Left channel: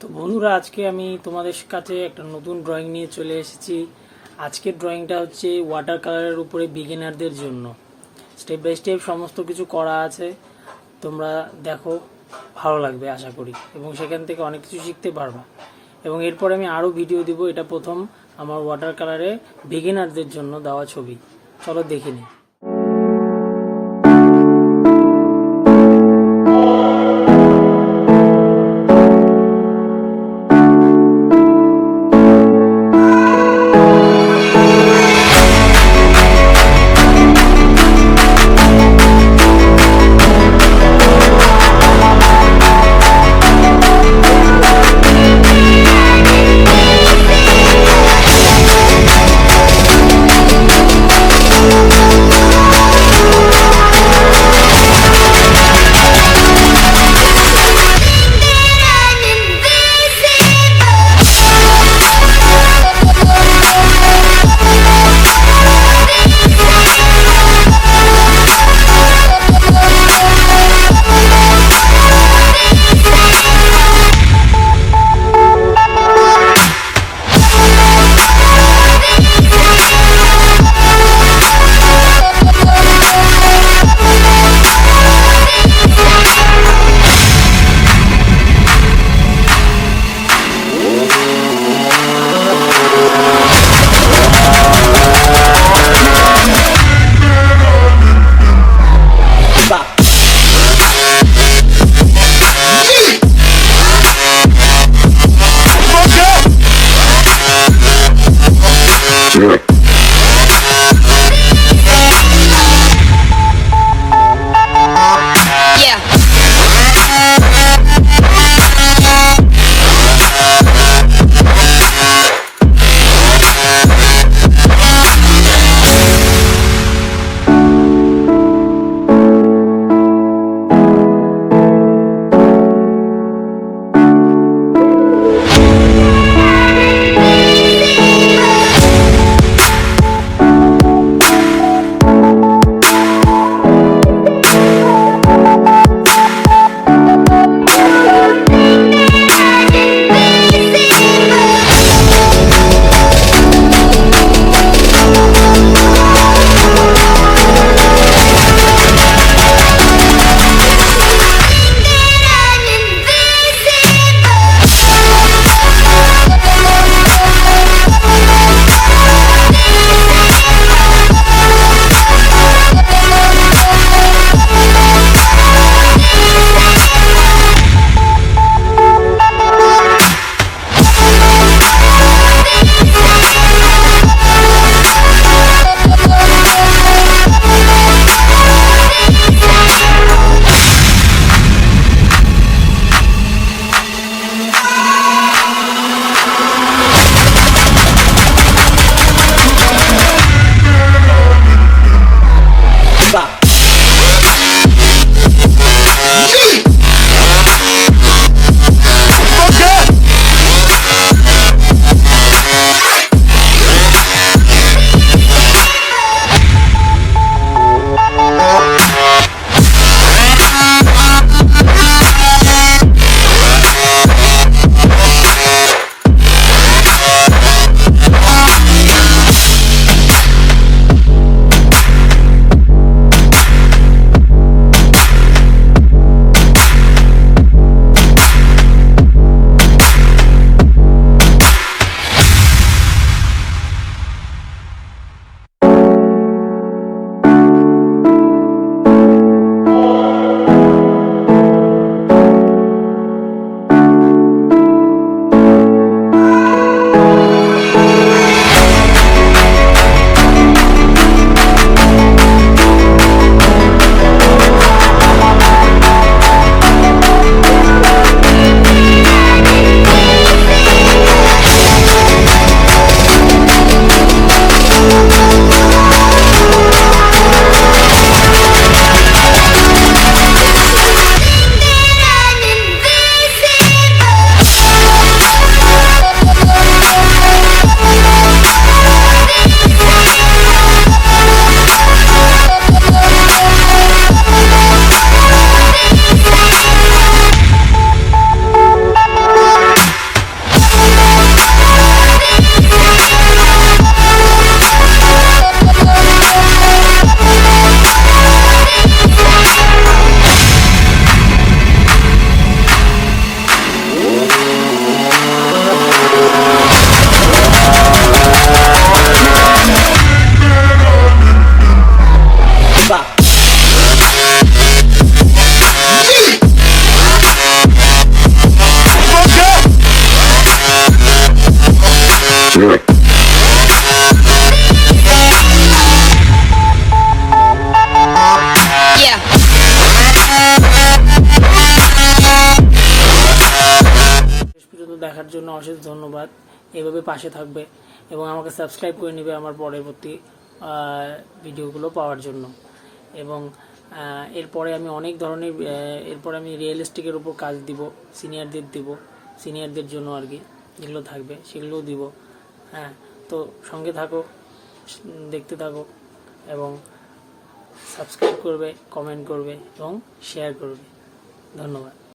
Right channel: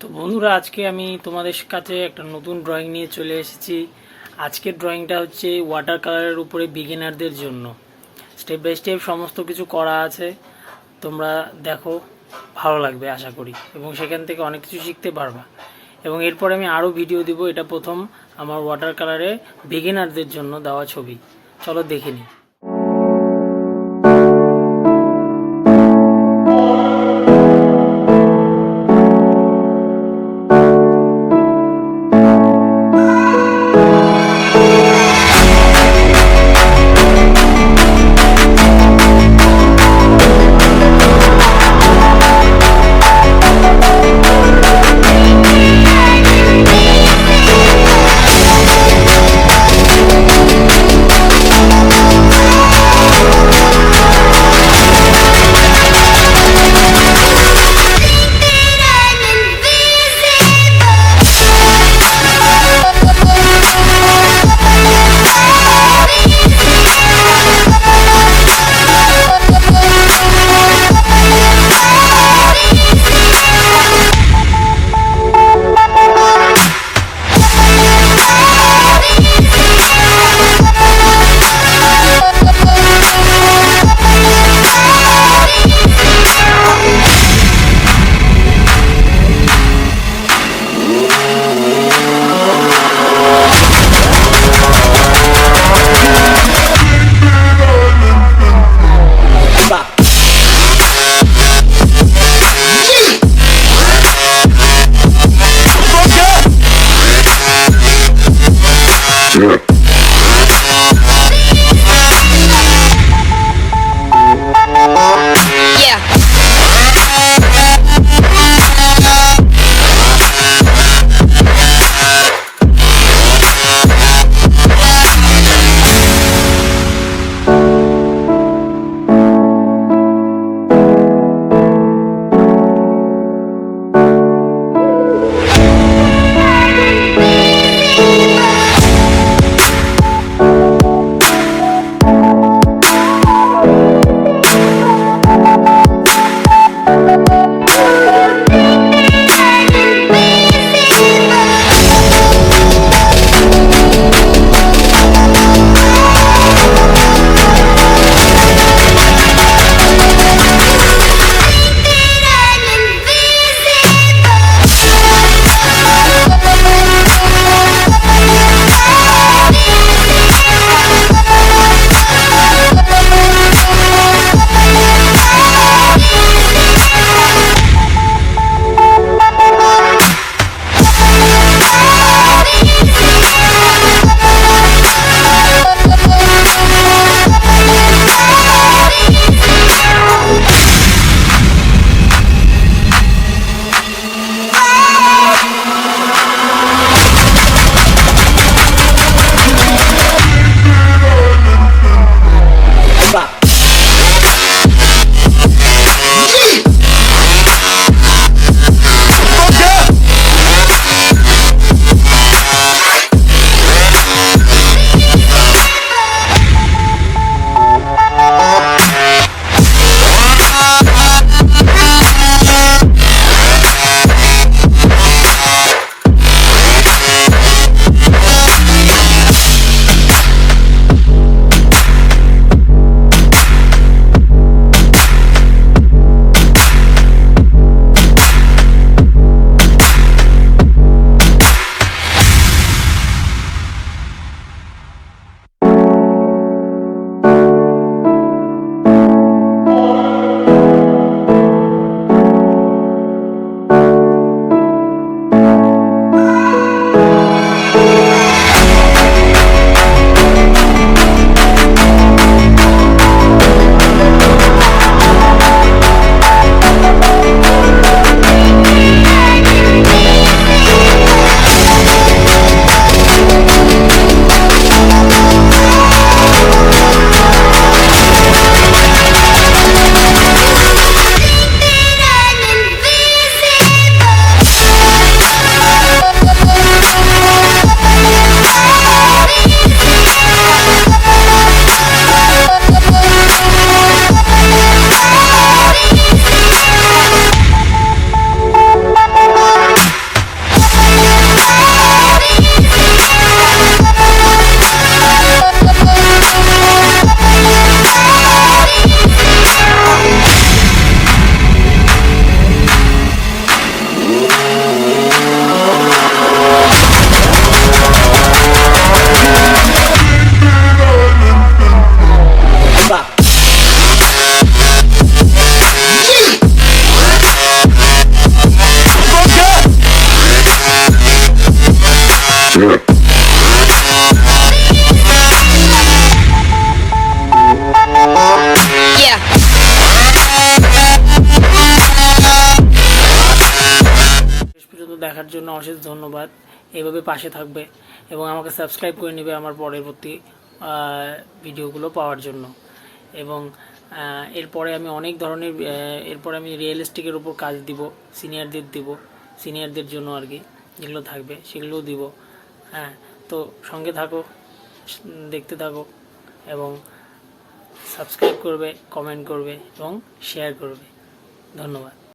তো বন্ধুরা, আজকে আমি তোমাদের কাছে একটা নতুন ড্রয়িং নিয়ে চলে এসেছি। আজকের ড্রয়িংটা হচ্ছে ওয়াটার কালারের উপরে বিগিনারদের জন্য। স্টেপ বাই স্টেপ সমস্ত কিছু করা আছে, তোমরা দেখো, ভালো লাগবে আশা করি, এবং সেখান থেকে অনেক কিছু শিখতে পারবা। এবং এরপরে আমি আরও ভিডিও দিব। এটা প্রথম আমার ওয়াটার কালারে বিগিনারদের জন্য দেওয়া ছবি। চলো দেখে নিই। দেখার জন্য অশেষ ধন্যবাদ। এভাবে পাশে থাকবে এবং আমাকে সাবস্ক্রাইব করে নেবে আমার পরবর্তী ভিডিওগুলো পাওয়ার জন্য। এবং এরপরে আমি অনেক ধরনের এরপরে আমি রিয়েলিস্টিকের উপর কাজ দিব, সিনিয়রদের জন্য আর কি, যেগুলো থাকবে সেগুলোও দিব। হ্যাঁ, তো সঙ্গে থাকো, দেখতে থাকো এবং সাবস্ক্রাইব করবে, কমেন্ট করবে এবং শেয়ার করবে। ধন্যবাদ।